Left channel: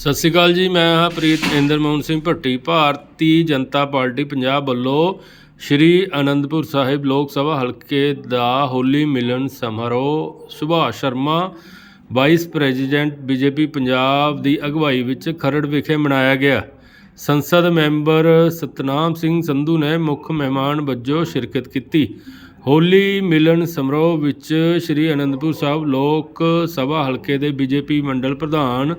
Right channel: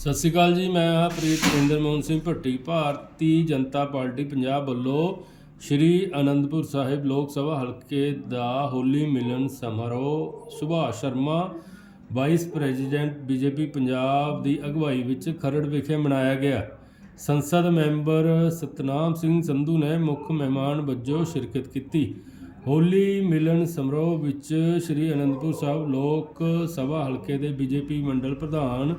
ਸਤਿ ਸ਼੍ਰੀ ਅਕਾਲ ਜੀ, ਮੈਂ ਹਾਂ ਪ੍ਰੀਤ ਇੰਦਰ ਮੋਹਨ ਸਿੰਘ ਭੱਟੀ, ਭਾਰਤੀ ਜਨਤਾ ਪਾਰਟੀ ਪੰਜਾਬ ਵੱਲੋਂ ਸ਼੍ਰੀ ਅਨੰਦਪੁਰ ਸਾਹਿਬ ਲੋਕ ਸਭਾ ਹਲਕੇ ਦਾ ਹੋਲੀ ਮਿਲਨ ਸਮਾਰੋਹ, Subhash Sharma, vice president BJP Punjab ਦੀ ਅਗਵਾਈ ਵਿੱਚ ਖਰੜ ਵਿਖੇ ਮਨਾਇਆ ਗਿਆ। ਸੰਸਦ ਮੈਂਬਰ ਸਤਨਾਮ ਸਿੰਘ ਸੰਧੂ ਨੇ ਮੁੱਖ ਮਹਿਮਾਨ ਵਜੋਂ ਸ਼ਿਰਕਤ ਕੀਤੀ। ਹੋਲੀ ਮਿਲਨ ਸਮਾਰੋਹ ਵਿੱਚ ਸ਼੍ਰੀ ਅਨੰਦਪੁਰ ਸਾਹਿਬ ਲੋਕ ਸਭਾ ਹਲਕੇ ਦੇ ਬੀਜੇਪੀ ਮੰਡਲ ਪ੍ਰਧਾਨ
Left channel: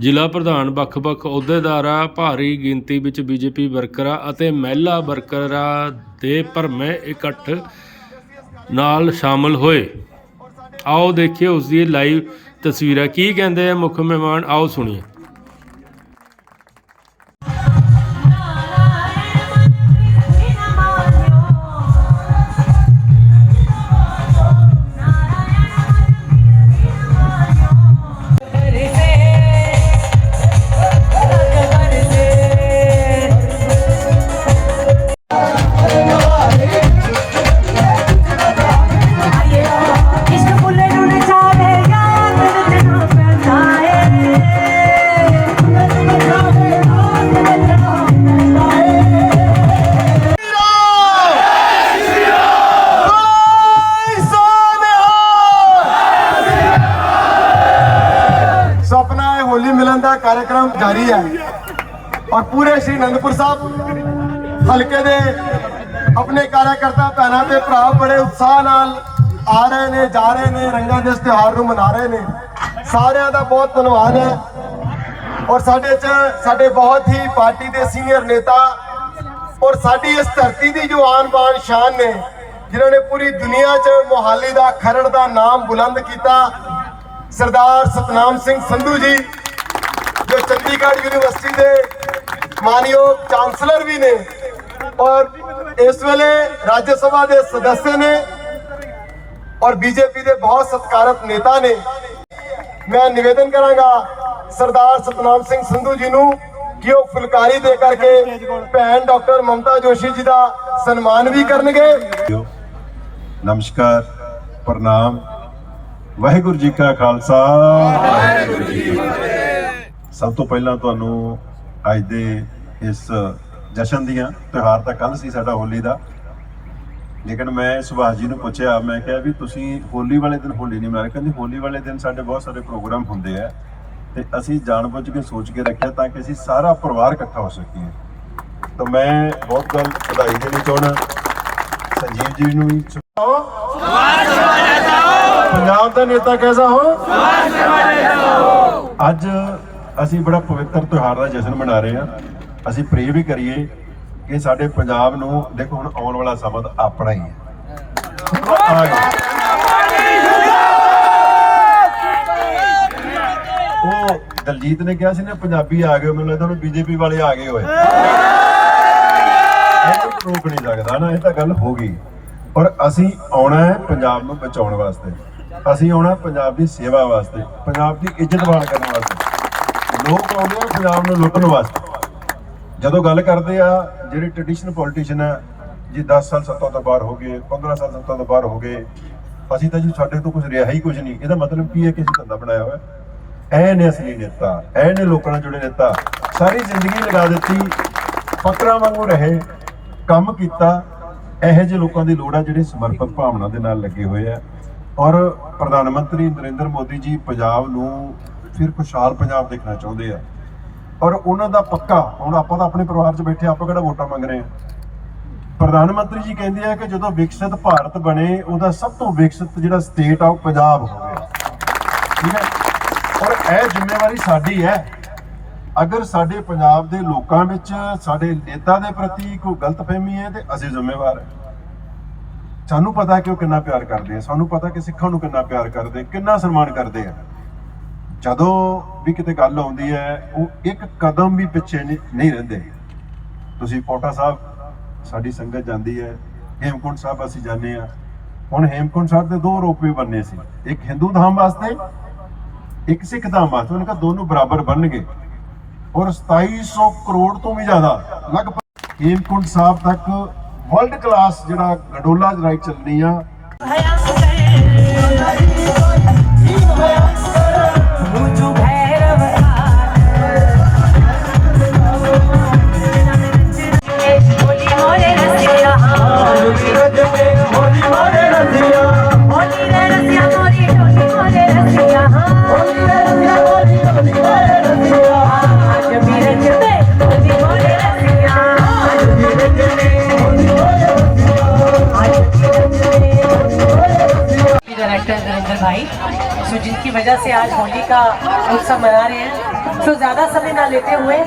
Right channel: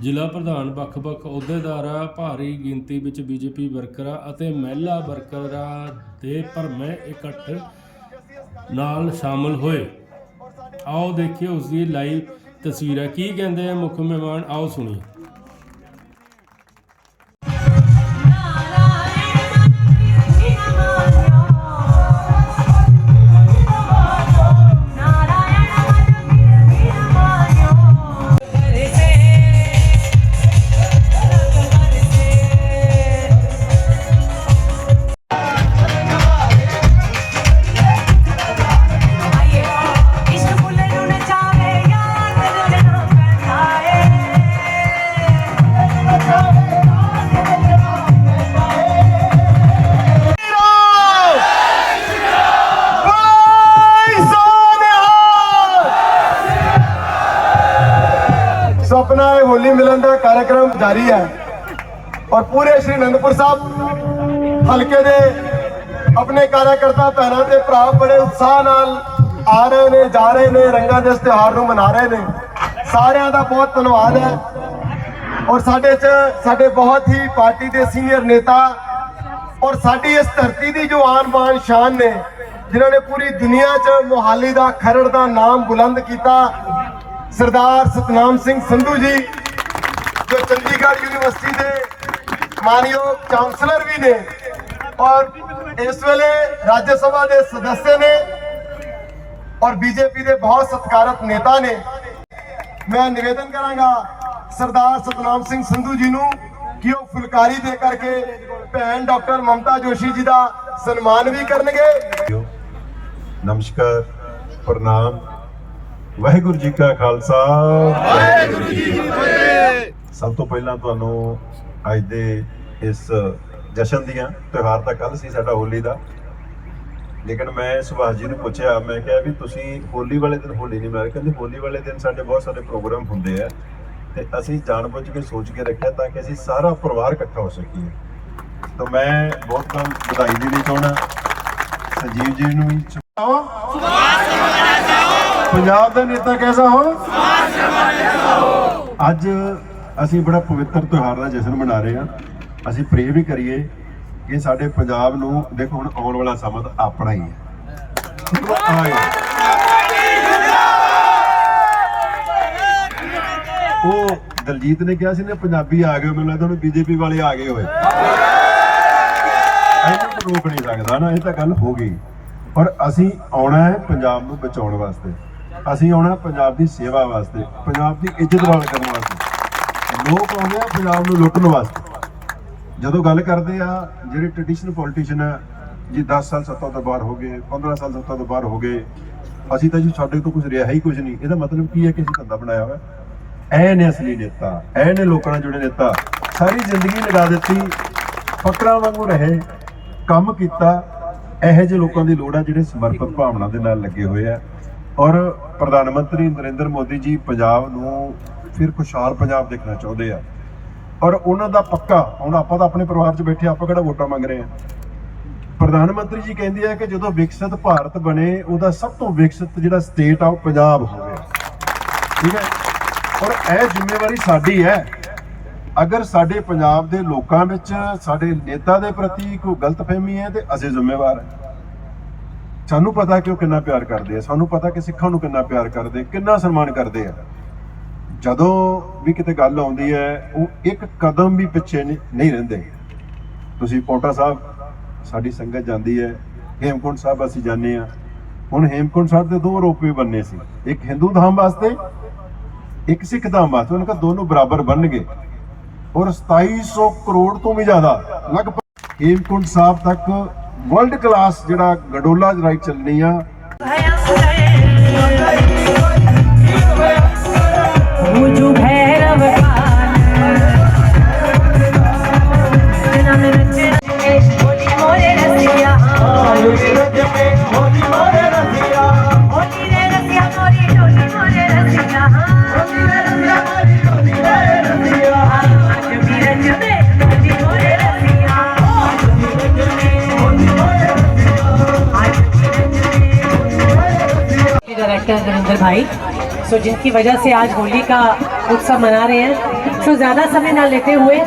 ਜ਼ਿਲ੍ਹਾ ਪ੍ਰਧਾਨ ਵੱਖ-ਵੱਖ ਅਹੁਦੇਦਾਰਾਂ, ਭਾਰੀ ਗਿਣਤੀ ਵਿੱਚ ਬੀਜੇਪੀ ਵਰਕਰਾਂ ਅਤੇ ਮਹਿਲਾ ਵਰਕਰਾਂ ਦੇ ਭਰਮੇ ਇਕੱਠ ਨਾਲ ਸ਼ਾਮਲ ਹੋਏ। ਆਓ ਦੇਖੀਏ ਉਸ ਦੀ ਲਾਈਵ ਤਸਵੀਰਾਂ। ਕੀ ਕਹਿੰਦੇ ਆ ਮੁੱਖ ਮਹਿਮਾਨ? ਆਓ ਸੁਣੀਏ। ਜਾਰੀ ਹੈ। ਔਰ ਪੂਰੇ ਸ਼੍ਰੀ ਅਨੰਦਪੁਰ ਸਾਹਿਬ ਹਲਕੇ ਦੇ ਆਪਣੇ ਕਾਰਜਕਰਤਾ ਭੈਣਾਂ ਤੇ ਭਰਾ ਬੜੇ ਉਤਸ਼ਾਹ ਨਾਲ ਆ ਰਹੇ ਨੇ, ਜਾ ਰਹੇ ਨੇ, ਰੰਗਾਂ ਦੇ ਤਿਉਹਾਰ ਨੂੰ ਮਨਾ ਰਹੇ ਨੇ। ਸਾਰਿਆਂ ਦਾ ਬਹੁਤ ਧੰਨਵਾਦ ਹੈ। ਔਰ ਸਾਡੇ ਚ ਸਾਡੇ ਬਹੁਤ ਹੀ ਪਾਰਟੀ ਦੇ ਸੀਨੀਅਰ ਨੇਤਾ ਔਰ ਸਾਡੀ ਇਸ ਧਰਤੀ ਦੀ ਜੋ ਆਨ ਬਾਨ ਸ਼ਾਨ ਨੇ, ਜਿਨ੍ਹਾਂ ਨੇ ਪੂਰੀ ਦੁਨੀਆ 'ਚ ਮੋਹਾਲੀ ਦਾ ਖਰੜ ਦਾ ਨਾਮ ਬੁਲੰਦ ਕੀਤਾ, ਸਰਦਾਰ ਸਤਨਾਮ ਸਿੰਘ ਸੰਧੂ ਜੀ। ਜੋ ਚੰਡੀਗੜ੍ਹ ਯੂਨੀਵਰਸਿਟੀ ਦੇ ਮਾਨਯੋਗ ਚਾਂਸਲਰ ਵੀ ਨੇ ਔਰ ਇਸ ਵੇਲੇ ਰਾਜ ਸਭਾ ਦੇ ਸਦੱਸਿਆ ਨੇ ਔਰ ਬੀਜੇਪੀ ਦੇ ਬਹੁਤ ਸਤਿਕਾਰਤ ਨੇਤਾ ਨੇ। ਮੈਂ ਨਿਵੇਦਨ ਕਰਾਂਗਾ ਸਰਦਾਰ ਸਤਨਾਮ ਸਿੰਘ ਸੰਧੂ ਜੀ ਨੂੰ ਕਿ ਉਹ ਫੁਲਕਾਰੀ ਦੇ ਕਰਕੇ ਭੈਣ ਡਾਕਟਰ ਮਮਤਾ ਜੋਸ਼ੀ ਜੀ ਦਾ ਸਨਮਾਨ ਵੀ ਕਰਨਗੇ। ਨਮਸਕਾਰ ਪ੍ਰਣਾਮ। ਵਾਹਿਗੁਰੂ ਜੀ ਕਾ ਖਾਲਸਾ। ਵਾਹਿਗੁਰੂ ਜੀ ਕੀ ਫਤਿਹ। ਸਭ ਤੋਂ ਪਹਿਲਾਂ ਤੁਹਾਨੂੰ ਅੱਜ ਦੇ ਇਸ ਜਸ਼ਨ ਦੀਆਂ ਤਿਉਹਾਰ ਤਾਂ ਕੱਲ ਸੀ ਸਾਡਾ ਹੋਲੀ ਦਾ। ਲੇਕਿਨ ਮੈਂ ਸੁਭਾਸ਼ ਜੀ ਨੂੰ ਪੁੱਛਿਆ, ਮੈਂ ਕਿਹਾ ਵੀ ਤੁਸੀਂ ਹੋਲੀ ਵਾਲੇ ਦਿਨ ਹੋਲੀ ਨਹੀਂ ਮਨਾਇਆ ਕਹਿੰਦੇ ਹੋਲੀ ਵਾਲੇ ਦਿਨ ਸਾਡੇ ਬਹੁਤ ਸਾਰੇ ਪ੍ਰੋਗਰਾਮ ਹੁੰਦੇ ਆ ਤੇ ਅਸੀਂ ਜਾਣਬੁੱਝ ਕੇ ਸੋਚ ਕੇ ਰੱਖਿਆ ਤਾਂ ਕਿ ਅਸੀਂ ਸਾਰਾ ਪਰਿਵਾਰ ਇਕੱਠਾ ਹੋ ਸਕੀਏ। ਤਾਂ ਮੈਂ ਬਹੁਤ ਗੱਲ ਵਧਾਈ ਦੇਣੀ ਚਾਹਣਾ ਸੰਜੀਵ ਜੀ ਨੂੰ ਵੀ। ਪੰਜਾਬ ਦਾ ਨੇਤਾ ਕੈਸਾ ਹੋ? ਅੱਜ ਅਸੀਂ ਬੜਾ ਪਵਿੱਤਰ ਤਿਉਹਾਰ ਦਾ ਜਸ਼ਨ ਮਨਾ ਰਹੇ ਹਾਂ। ਅਸੀਂ ਪ੍ਰੇ ਵੀ ਕਰੀਏ ਕਿ ਸਾਡੇ ਪੰਜਾਬ ਨੂੰ, ਦੇਖੋ ਹੁਣ ਆਉਣ ਵਾਲਾ ਸਮਾਂ ਤਾਂ ਆਪਣਾ ਹੀ ਹੈ। ਉਹ ਦਲਜੀਤ ਨੇ ਕਿਹਾ ਸੀ ਨਾ, ਪੰਜਾਬੀ ਆ ਗਏ, ਮੈਨੂੰ ਲੱਗਦਾ ਹੁਣ ਬੀਜੇਪੀ ਵਾਲੇ ਆ ਗਏ ਹੋਏ। ਇਹਨੂੰ ਰੋਕ ਨਹੀਂ ਸਕਦਾ ਨਾ, ਇਹ ਤਾਂ ਗੱਲ ਹੋ ਗਈ। ਔਰ ਅਸੀਂ ਆਉਣਾ ਹੈ ਪੰਜਾਬ ਨੂੰ ਬਚਾਉਣ ਵਾਸਤੇ। ਅਸੀਂ ਆਉਣਾ ਪੰਜਾਬ ਦੀ ਸੇਵਾ ਵਾਸਤੇ, ਪੰਜਾਬ ਦੀ ਇੱਜ਼ਤ ਵਾਲ ਕਰਨ ਲੋਕ ਆਉਂਦੇ ਆ, ਪੰਜਾਬ ਨੂੰ ਲੁੱਟਣ ਵਾਸਤੇ। ਜਦੋਂ ਗੱਲ ਕਰਦੇ ਆ, ਜਿਹੜੇ ਟ੍ਰੈਡੀਸ਼ਨਲ ਪੋਲੀਟੀਸ਼ੀਅਨ ਆ, ਜੀ 10 ਸਾਲ ਸੱਤਾ ਤੋਂ ਬਾਹਰ ਹੋ ਗਏ 15 ਸਾਲ ਸੱਤਾ ਤੋਂ ਬਾਹਰ ਹੋ ਗਏ, ਅਸੀਂ ਤਾਂ ਜੀ ਸਾਡੇ ਤੋਂ ਕੁਝ ਰਿਹਾ ਹੀ ਕੁਝ ਨਹੀਂ। ਇਹਦਾ ਮਤਲਬ ਕੀ ਹੈ ਕਿ ਅਸੀਂ ਧੰਦਾ ਬਣਾਇਆ ਹੋਇਆ। ਐ ਨੇ ਅਸਲੀ ਨੇਤਾ ਐ ਨੇ ਲੋਕਾਂ ਨਾਲ ਜੁੜੇ ਨੇਤਾ। ਸਾਰੀ ਜ਼ਿੰਦਗੀ ਲਗਾ ਦਿੱਤੀ ਫਕਰਾਂ ਵਾਂਗੂ ਰਹੇ, ਕੰਮ ਕੀਤਾ। ਇਹੋ ਜਿਹੇ ਲੋਕਾਂ ਦੀ ਲੋੜ ਆ ਜਿਹੜੇ ਸਮਰਪਿਤ ਭਾਵਨਾ ਦੇ ਨਾਲ ਲੱਗੇ ਹੋਏ ਆ। ਔਰ ਪ੍ਰਧਾਨ ਮੰਤਰੀ ਨਰਿੰਦਰ ਮੋਦੀ ਜੀ ਪੰਜਾਬ ਨੂੰ ਫਿਰ ਖੁਸ਼ਹਾਲ ਪੰਜਾਬ ਦੇਖਣਾ ਚਾਹੁੰਦੇ ਆ। ਔਰ ਉਹਨਾਂ ਦਾ ਪੱਕਾ, ਹੁਣ ਆਪਾਂ ਤਾਂ ਆਪਣੇ ਪਰਿਵਾਰ 'ਚ ਬੈਠੇ ਆਪਾਂ ਕਿਹੜਾ ਵੋਟਾਂ ਮੰਗ ਰਹੇ ਆ? ਪ੍ਰਧਾਨ ਮੰਤਰੀ ਜੀ ਕਹਿੰਦੇ ਆ ਕਿ ਜਦੋਂ ਵਿਕਸਿਤ ਭਾਰਤ ਬਣੇ, ਉਹਦਾ ਸਭ ਤੋਂ ਵਿਕਸਿਤ ਜਿਹੜਾ ਸਟੇਟ ਆ, ਉਹ ਪੰਜਾਬ ਹੋਵੇ। ਠੀਕ ਹੈ? ਔਰ ਇਹ ਜ਼ਿੰਮੇਵਾਰੀ ਸਾਡੀ ਹੈ। ਅਗਰ ਸਾਡੇ ਪੰਜਾਬ ਦੇ ਲੋਕਾਂ ਵਿੱਚ, ਸਾਡੇ ਨੇਤਾ ਦੇ ਪ੍ਰਤੀ ਕੋਈ ਗਲਤਫਹਿਮੀ ਹੈ, ਤੇ ਅਸੀਂ ਜ਼ਿੰਮੇਵਾਰ ਹਾਂ। ਸਾਨੂੰ ਪਤਾ ਕਿ ਉਹ ਕਿੰਨਾ ਪਿਆਰ ਕਰਦੇ ਆ, ਸਾਨੂੰ ਪਤਾ ਕਿ ਸਿੱਖਾਂ ਨੂੰ ਕਿੰਨਾ ਪਿਆਰ ਕਰਦੇ, ਕਿੰਨਾ ਸਨਮਾਨ ਕਰਦੇ ਆ। ਜਦੋਂ ਵੀ ਕਿਤੇ ਗੱਲ ਆਉਂਦੀ ਹੈ, ਉਹ ਇੱਕ ਕਦਮ ਵੀ ਪਿੱਛੇ ਨਹੀਂ ਰਹਿੰਦੇ। ਤੁਸੀਂ ਕੋਟਾ ਸਾਹਿਬ, ਸਾਡੀ ਸੰਗਤ ਜਾਂਦੀ ਹੈ, ਹੇਮਕੁੰਟ ਸਾਹਿਬ ਅਸੀਂ ਜਾਂਦੇ ਆ ਹੁਣ ਹੇਮਕੁੰਟ ਸਾਹਿਬ ਦੇ ਦੋ ਰੋਪਵੇ ਬਣਨੇ ਸੀ। ਇੱਕ ਹਿੰਦੂ ਧਾਮ ਵਾਸਤੇ, ਇੱਕ ਸਿੱਖ ਧਾਮ ਵਾਸਤੇ। ਉਹਨਾਂ ਕਾ ਦੋਨੋਂ ਬਰਾਬਰ ਬਣਨਗੇ। ਔਰ 2700 ਕਰੋੜ ਤੋਂ ਵੀ ਜ਼ਿਆਦਾ, ਲਗਭਗ ਹੇਮਕੁੰਟ ਸਾਹਿਬ ਤੱਕ ਵਰਲਡ ਕਲਾਸ ਜਿਹੜਾ ਗਡੋਲਾ ਰਾਈਡ ਚੱਲਣੀ ਆ। सो जिनकी वजह से आज होली का उत्सव मना रहे हैं सो ज़्यादा समय ना लेते हुए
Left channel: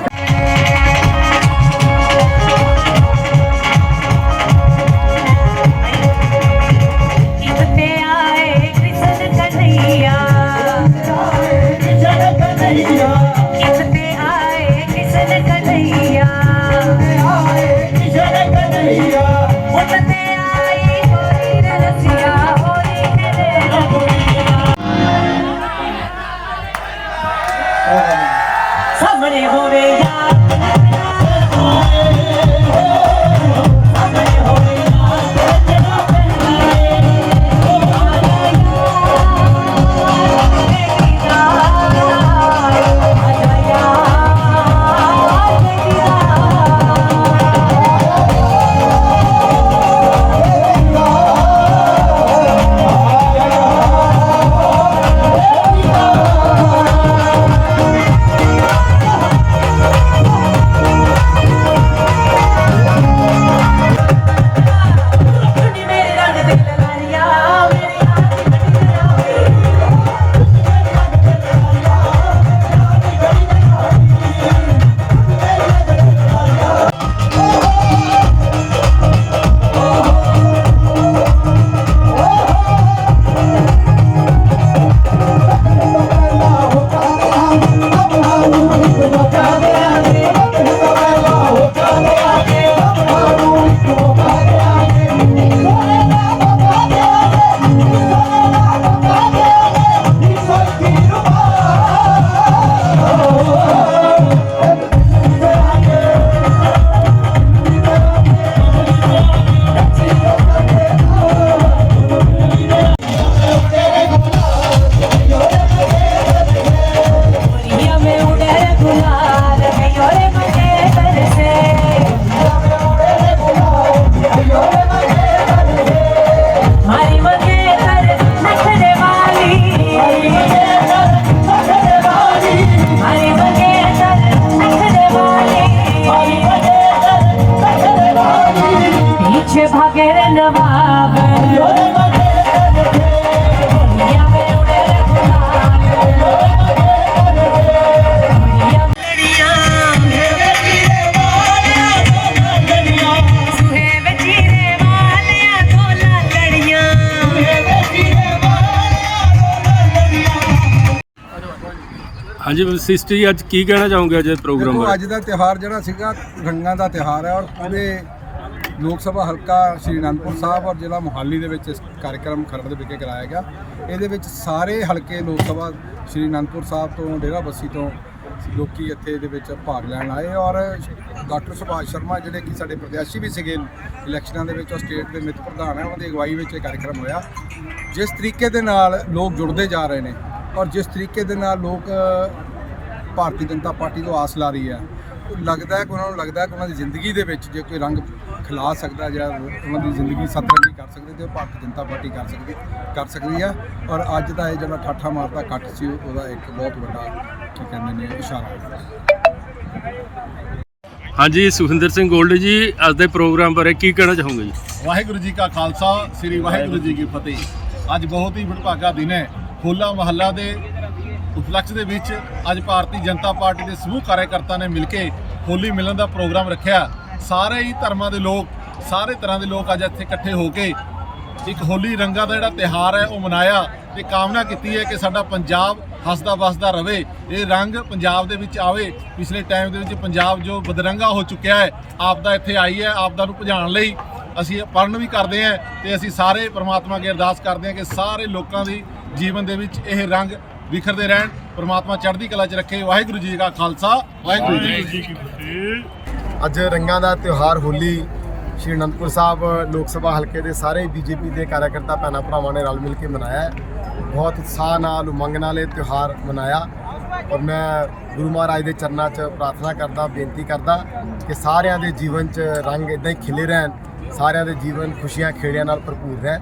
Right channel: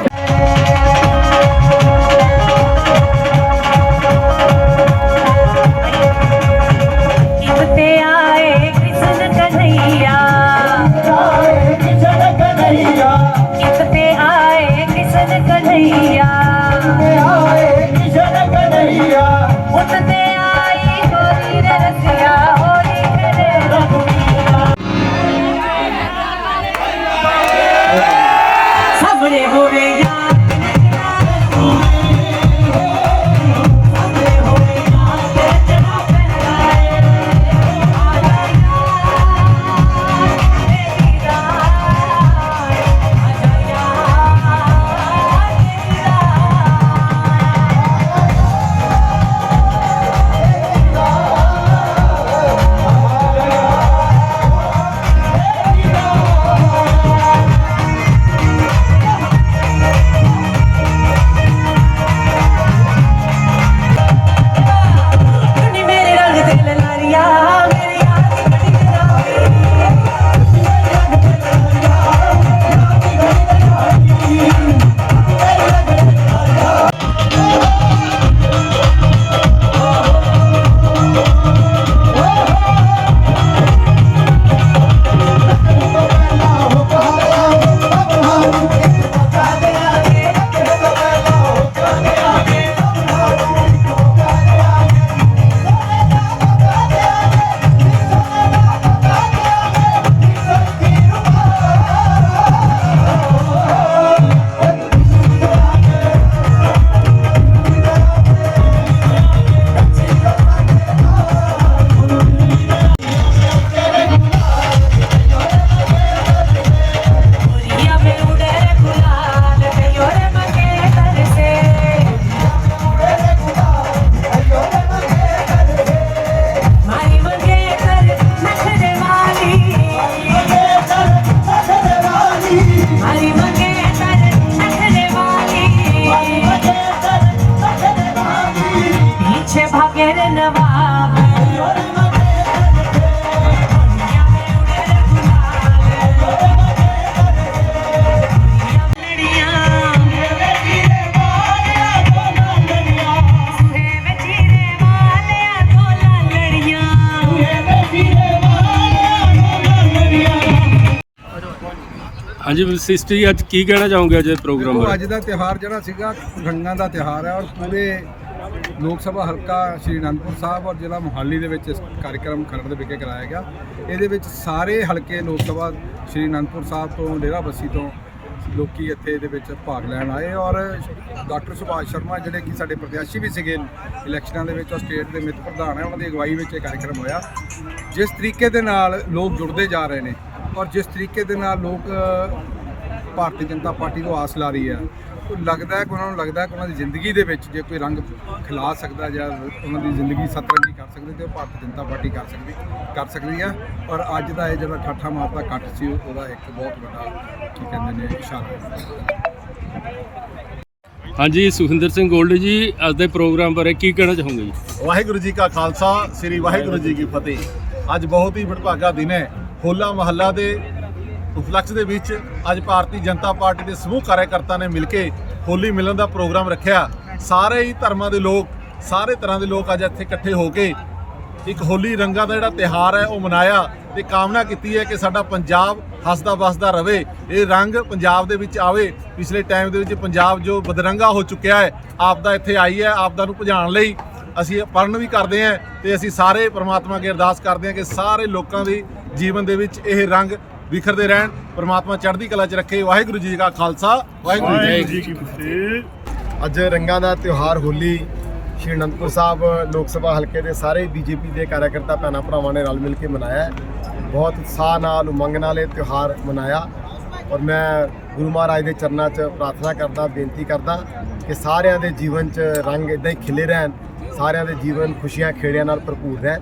ਹਾਂਜੀ ਵਸਿਸ਼ਟ ਜੀ ਅੱਜ ਕੀ ਕਹਿਣਾ ਚਾਹੋਗੇ ਅੱਜ ਦੇ ਪ੍ਰੋਗਰਾਮ ਦੇਖੋ ਬਾਰੇ? ਅੱਜ ਦਾ ਤਿਉਹਾਰ ਜਿਹੜਾ ਸੀਗਾ ਰੰਗਾਂ ਦਾ ਤਿਉਹਾਰ ਹੈ ਔਰ ਪੂਰੇ ਲੋਕ ਸਭਾ ਹਲਕਾ ਸ਼੍ਰੀ ਅਨੰਦਪੁਰ ਸਾਹਿਬ ਔਰ ਜ਼ਿਲ੍ਹਾ ਮੋਹਾਲੀ ਦੇ ਵਿੱਚ ਇਸ ਕਾਰਜਕ੍ਰਮ ਖਰੜ ਦੇ ਵਿਖੇ ਕਰਾਇਆ ਗਿਆ। ਇਹਦੇ ਵਿੱਚ ਸਾਰੇ ਹਲਕੇ ਲੋਕ ਸਭਾ ਸ਼੍ਰੀ ਅਨੰਦਪੁਰ ਸਾਹਿਬ ਤੋਂ ਡੇਰਾ ਬੱਸੀ ਤੋਂ ਲੋਕੀ ਇੱਥੇ ਇਹਦੇ ਵਿੱਚ ਭਾਗ ਲੈਣ ਆਏ ਔਰ ਡਾਕਟਰ ਸੁਭਾਸ਼ ਸ਼ਰਮਾ ਜਿਹੜੇ ਕਿ ਸਾਡੇ ਪ੍ਰਤਿਆਸ਼ੀ ਵੀ ਸੀਗੇ ਇਲੈਕਸ਼ਨਾਂ ਦੇ ਵਿੱਚ ਉਹ ਸਟੇਟ ਦੇ ਮਿੱਤ ਪ੍ਰਧਾਨ ਹੈ ਉਹਨਾਂ ਦੀ ਅਗਵਾਈ ਵਿੱਚ ਇਹ ਕਾਰਜਕ੍ਰਮ ਹੋਇਆ। ਜਿਸ ਤਰੀਕੇ ਦੇ ਨਾਲ ਲੋਕ ਜੁੜਦੇ ਜਾ ਰਹੇ ਨੇ ਔਰ ਜਿਸ ਤਰੀਕੇ ਦੇ ਨਾਲ ਲੋਕ ਭਾਰਤੀ ਜਨਤਾ ਪਾਰਟੀ ਤੋਂ ਆਸ ਲਾ ਰਹੀ ਹੈ ਉਹ ਲੱਗਦਾ ਹੈ ਕਿ ਉਹਨਾਂ ਨੂੰ ਲੱਗਦਾ ਹੈ ਕਿ ਉਹਨਾਂ ਦੀ ਜ਼ਿੰਦਗੀ ਦੇ ਵਿੱਚ ਜੇ ਕੋਈ ਰੰਗ ਖਿਲਾ ਸਕਦਾ ਜਾਂ ਉਹਨਾਂ ਦੀ ਜ਼ਿੰਦਗੀ ਸਤਰੰਗੀ ਕਰ ਸਕਦੇ ਤੇ ਉਹ ਭਾਰਤੀ ਜਨਤਾ ਪਾਰਟੀ ਕਰ ਸਕਦੀ ਕਰ ਸਕਦੀ ਹੈ ਔਰ ਅੱਜ ਦਾ ਇਹ ਜਿਹੜਾ ਠਾਠਾ ਮਾਰਦਾ ਕੱਟ ਸੀ ਉਹਦਾ ਇੱਕ ਬਹੁਤ ਵੱਡਾ ਕੀ ਕਹਿੰਦੇ ਨੇ ਇਸ਼ਾਰਾ ਹੈ। ਹਾਂਜੀ ਸੁਖਿੰਦਰ ਸਿੰਘ ਗੋਲਡ ਜੀ ਅੱਜ ਦੇ ਪ੍ਰੋਗਰਾਮ ਬਾਰੇ ਕੀ ਕਹਿਣਾ ਚਾਹੋਗੇ ਜੀ? ਵਾਹਿਗੁਰੂ ਜੀ ਕਾ ਖਾਲਸਾ ਸ੍ਰੀ ਵਾਹਿਗੁਰੂ ਜੀ ਕੀ ਫਤਿਹ। ਅੱਜ ਬਹੁਤ ਹੀ ਵਡਭਾਗਾ ਦਿਨ ਹੈ। ਹੋਲਾ ਮਹੱਲਾ ਦੇ ਉਪਲਕਸ਼ ਦੇ ਵਿੱਚ ਅੱਜ ਭਾਰਤੀ ਜਨਤਾ ਪਾਰਟੀ ਦੇ ਸਮੂਹ ਕਾਰਜਕਰਤਾ ਨੇ ਮਿਲ ਕੇ ਹੋਲੀ ਮਿਲਣ ਦਾ ਪ੍ਰੋਗਰਾਮ ਰੱਖਿਆ। ਸਾਰੇ ਹੀ ਧਰਮਾਂ ਦੇ ਲੋਕ, ਸਾਰੇ ਤਰ੍ਹਾਂ ਦੇ ਲੋਕ ਅੱਜ ਇੱਥੇ ਇਕੱਠੇ ਹੋ ਕੇ ਇੱਕ ਹੋਲੀ ਰੰਗਾਂ ਦਾ ਜਿਹੜਾ ਤਿਹਾਰ ਹੈ, ਉਹ ਮਨਾਇਆ ਤੇ ਕਾਮਨਾ ਕੀਤੀ ਹੈ ਕਿ ਸਾਡਾ ਪੰਜਾਬ ਹੱਸਦਾ ਵਸਦਾ ਰਵੇ। ਇਹ ਰੰਗ ਪੰਜਾਬ ਦੇ ਵਿੱਚ ਆਵੇ। ਪਿਛਲੇ ਟਾਈਮ ਦੇ ਵਿੱਚ ਪੰਜਾਬ ਜੋ ਬਦਰੰਗਾ ਹੋ ਚੁੱਕਿਆ ਹੈ ਆਪ ਦਾ ਇੱਥੇ ਆਈ ਹੈ ਆਪ ਦਾ ਨੂੰ ਭਜਾਉਣ ਲਈ ਅਸੀਂ ਪਰਨ ਵੀ ਕਰਦੇ ਹਾਂ ਤੇ ਅਸੀਂ ਸਾਰੇ ਪ੍ਰਮਾਤਮਾ ਅੱਗੇ ਅਰਦਾਸ ਕਰਦੇ ਹਾਂ ਕਿ ਸਾਰੇ ਲੋਕਾਂ ਦੀ ਜੀਵਨ ਦੇ ਵਿੱਚ ਇਹ ਰੰਗ ਵਿਖਰਦੇ ਰਹਿਣ ਪ੍ਰਮਾਤਮਾ ਚੜ੍ਹਦੀ ਕਲਾ 'ਚ ਰੱਖੇ। ਵਾਹਿਗੁਰੂ ਜੀ ਕਾ ਖਾਲਸਾ ਵਾਹਿਗੁਰੂ ਜੀ ਕੀ ਫਤਿਹ। ਅੱਜ ਰੰਗਾਂ ਦਾ ਤਿਉਹਾਰ ਹੋਲੀ ਸ਼੍ਰੀ ਅਨੰਦਪੁਰ ਸਾਹਿਬ ਲੋਕ ਸਭਾ ਹਲਕੇ ਦੇ ਸਾਰੇ ਬੀਜੇਪੀ ਦੇ ਕਾਰਜਕਰਤਾ ਭੈਣਾਂ ਭਰਾਵਾਂ ਨੇ ਰਲ ਮਿਲ ਕੇ ਮਨਾਇਆ। ਬਹੁਤ ਉਤਸ਼ਾਹ ਨਾਲ ਉਮੰਗ ਨਾਲ ਇਹ ਤਿਉਹਾਰ ਮਨਾਇਆ। ਔਰ ਮੈਂ ਗੁਰੂ ਮਹਾਰਾਜ ਦੇ ਚਰਨਾਂ 'ਚ ਪ੍ਰਾਰਥਨਾ ਕਰਦਾ ਬੇਨਤੀ ਕਰਦਾ ਕਿ ਸਾਰਿਆਂ ਦੇ ਜੀਵਨ 'ਚ ਰੰਗ ਇਦਾਂ ਹੀ ਖਿਲੇ ਰਹਿਣ ਸਾਰਿਆਂ ਦੇ ਜੀਵਨ ਖੁਸ਼ੀਆਂ ਖੇੜਿਆਂ ਨਾਲ ਭਰਪੂਰ ਰਹਿਣ।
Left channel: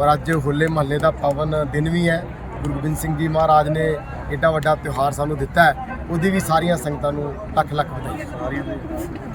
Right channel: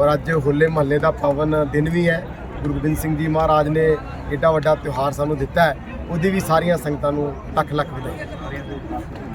ਔਰ ਅੱਜ ਹੋਲੇ ਮਹੱਲੇ ਦਾ ਪਾਵਨ ਦਿਨ ਵੀ ਹੈ। ਗੁਰੂ ਗੋਬਿੰਦ ਸਿੰਘ ਜੀ ਮਹਾਰਾਜ ਨੇ ਏਡਾ ਵੱਡਾ ਤਿਉਹਾਰ ਸਾਨੂੰ ਦਿੱਤਾ ਹੈ। ਉਹਦੀ ਵੀ ਸਾਰੀਆਂ ਸੰਗਤਾਂ ਨੂੰ ਲੱਖ ਲੱਖ ਵਧਾਈ